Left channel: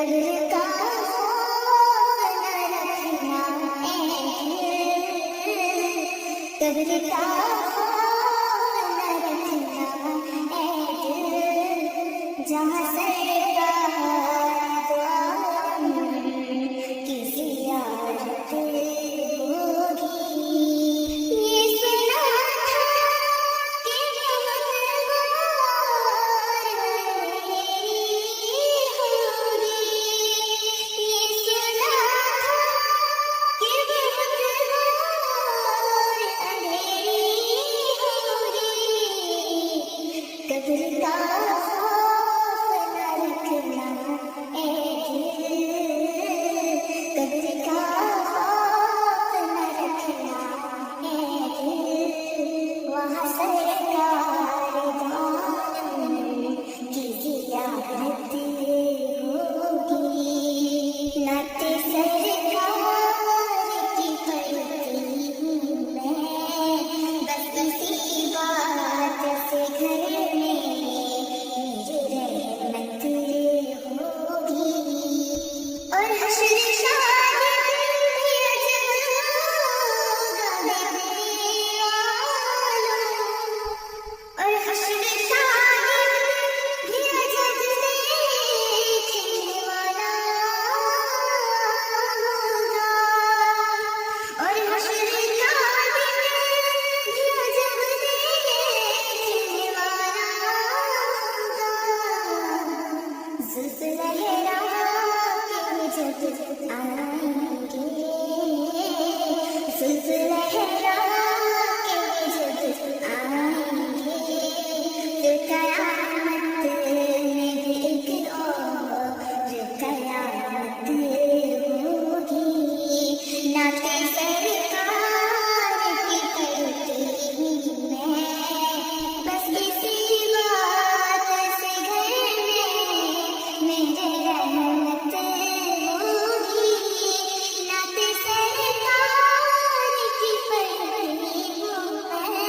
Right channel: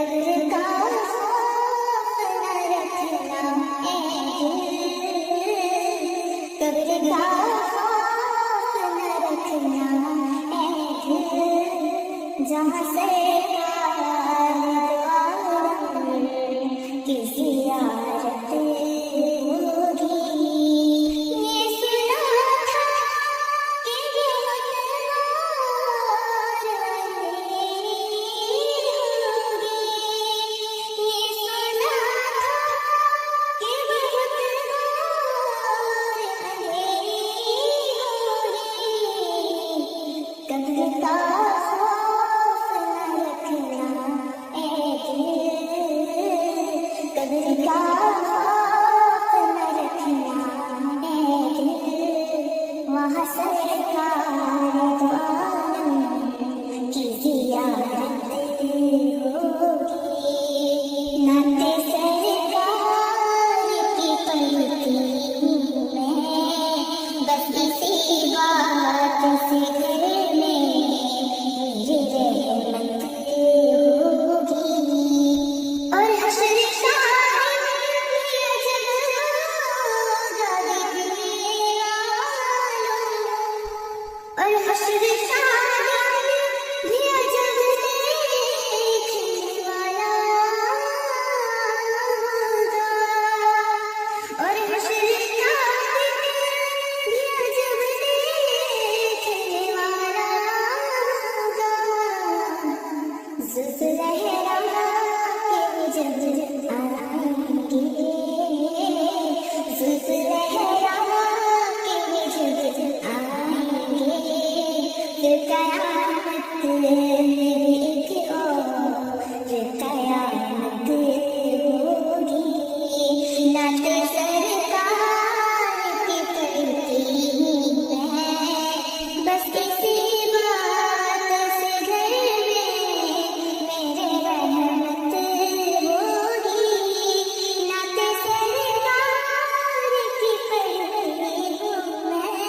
कब्र का खौफ न रखना ए दिल, कब्र का खौफ न रखना ए दिल, जहाँ सरकार की ज़ियारत होगी। ये सुना था कि बहुत गौर होगी, ये सुना था कि बहुत गौर अंधेरी होगी। कब्र का खौफ न रखना ए दिल, कब्र का खौफ न रखना ए दिल, वहाँ सरकार दो आलम की ज़ियारत होगी। नाते सरकार की पढ़ती हूँ मैं, बस इसी बात से घर में ये रहमत होगी। और हश्र का दिन भी अजब होगा देखने वालों, और हश्र का दिन भी अजब देखने वाला होगा, और हश्र का दिन भी अजब देखने वाला होगा। ज़ुल्फ़ लहरा के जब आएंगे, ज़ुल्फ़ लहरा के जब आएंगे, फिर क़यामत में भी एक और क़यामत होगी। नाते सरकार की पढ़ती हूँ मैं, बस इसी बात से घर में मेरे रहमत होगी। नाते सरकार की पढ़ती हूँ मैं,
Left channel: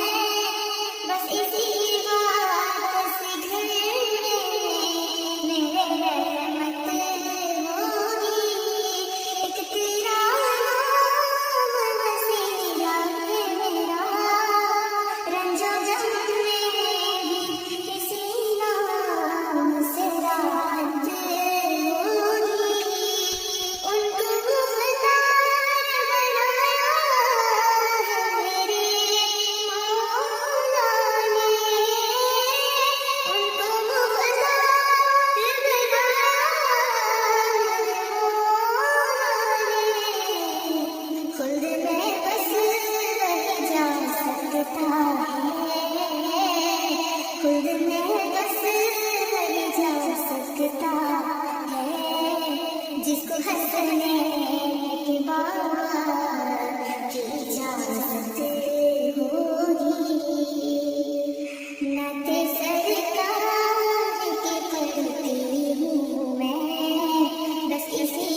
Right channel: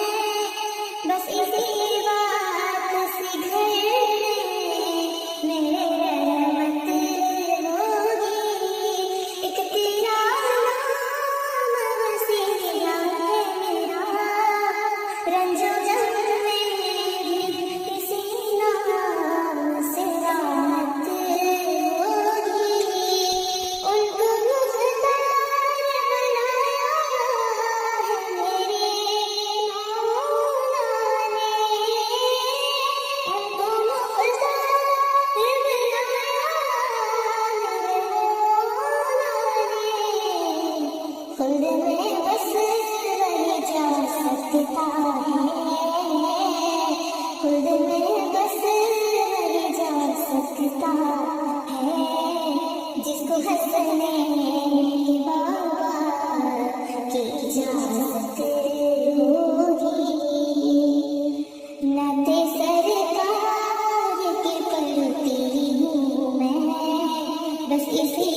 बस इसी बात से घर में मेरे रहमत होगी। एक तेरा नाम वसीला है मेरा, रंजो जम में किसी नाम से राहत होगी। उनको मुख्तार बनाया है मेरे मौला ने, उनको मुख्तार बनाया है मौला ने। खुद में बस रह जा सकता है, खुद में बस रह जा सकता है, जिसको हंसने की बाबा की इजाज़त होगी। नाते सरकार की पढ़ती हूँ मैं, बस इसी